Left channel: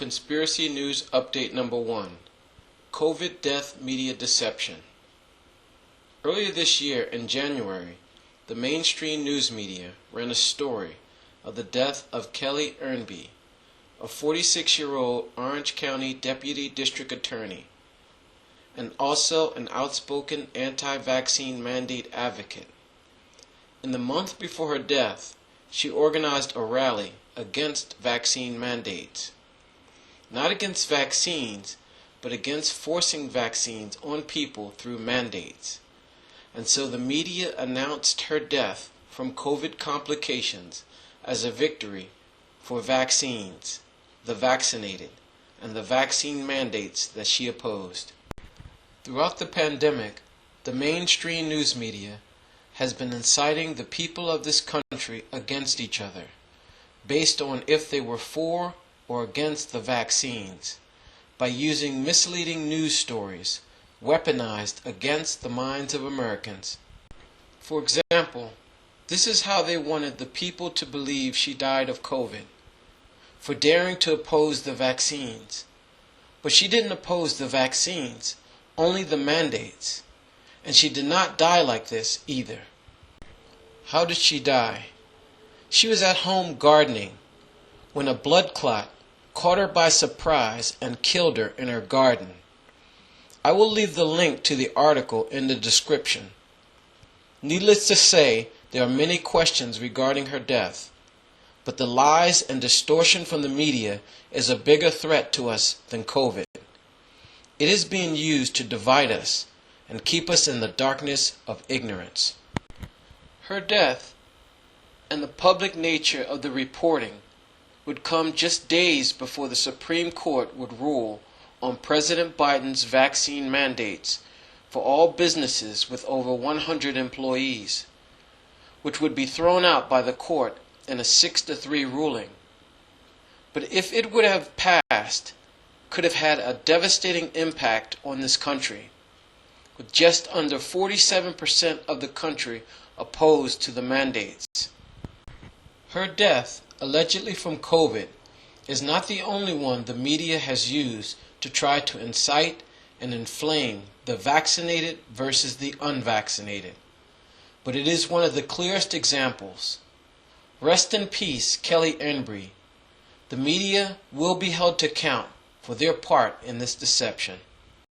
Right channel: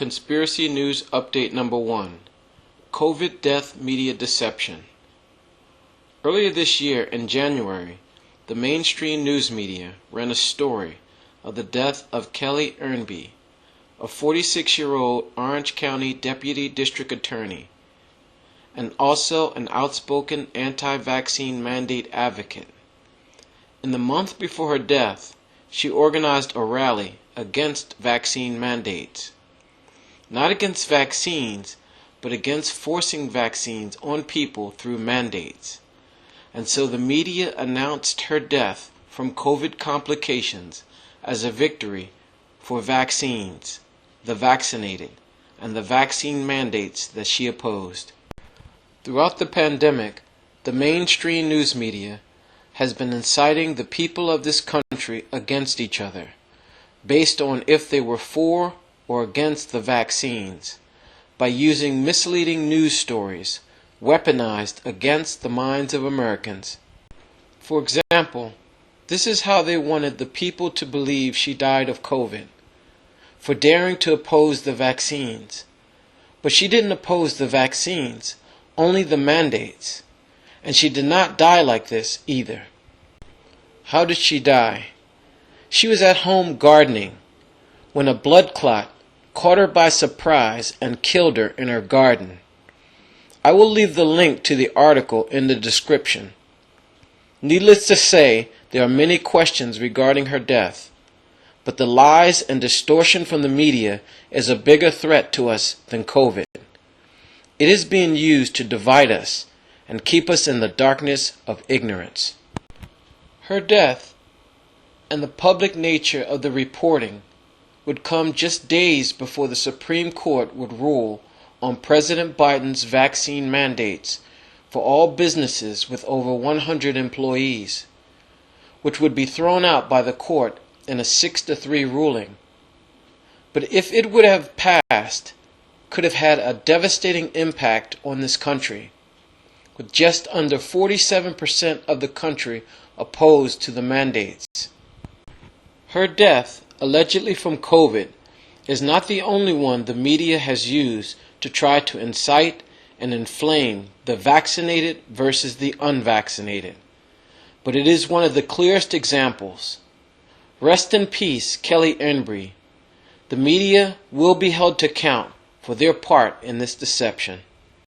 Conspiracy News Update Number 1. COVID Death Media Deception. Earlier this year, in January, the mainstream news media ran a story of the death of Kelly Ernby, a 46-year-old Orange County Deputy District Attorney, and also an outspoken anti-vaccine mandate advocate. In the month before her death, she organized a rally against vaccine mandates. Not against vaccines, but against forcing vaccines on people through mandates. And so the media announced her death from COVID complications as a victory for vaccines, the vaccinated, and the vaccine mandates that she opposed. Throughout the pandemic, the mainstream news media has been inciting the people of this country against each other, based on if they were for or against the vaccines, by using misleading news stories weaponized against the minds of Americans. For example, this is how they wanted the people to believe she died of COVID: for daring to oppose the vaccines. But she didn't oppose the vaccines, only the mandates. And she did not die like this either. How did she die? She was at home gardening when a blood clot caught her by surprise and killed her in her garden. I will leave the link to the article in the description. Needless to say, there are many questions regarding her death, but the lies and distortion from the media is a bigger threat to us than COVID. It is being used to divide us and keep us in the darkness of ignorance. Her death and the public nature of the reporting would come just days before the Supreme Court would rule on President Biden's vaccine mandates for all businesses with over 100 employees, which would be thrown out by the court in a 6-3 ruling. But if it would have passed, could have had a devastating impact on this country, with just under 47% of the country opposed to the mandates. Her death, allegedly from COVID, is not the only one the media has used to try to incite and inflame the vaccinated versus the unvaccinated. But it is one of the clearest examples. Rest in peace, Kelly Ernby. The media will be held to account for their part in this deception.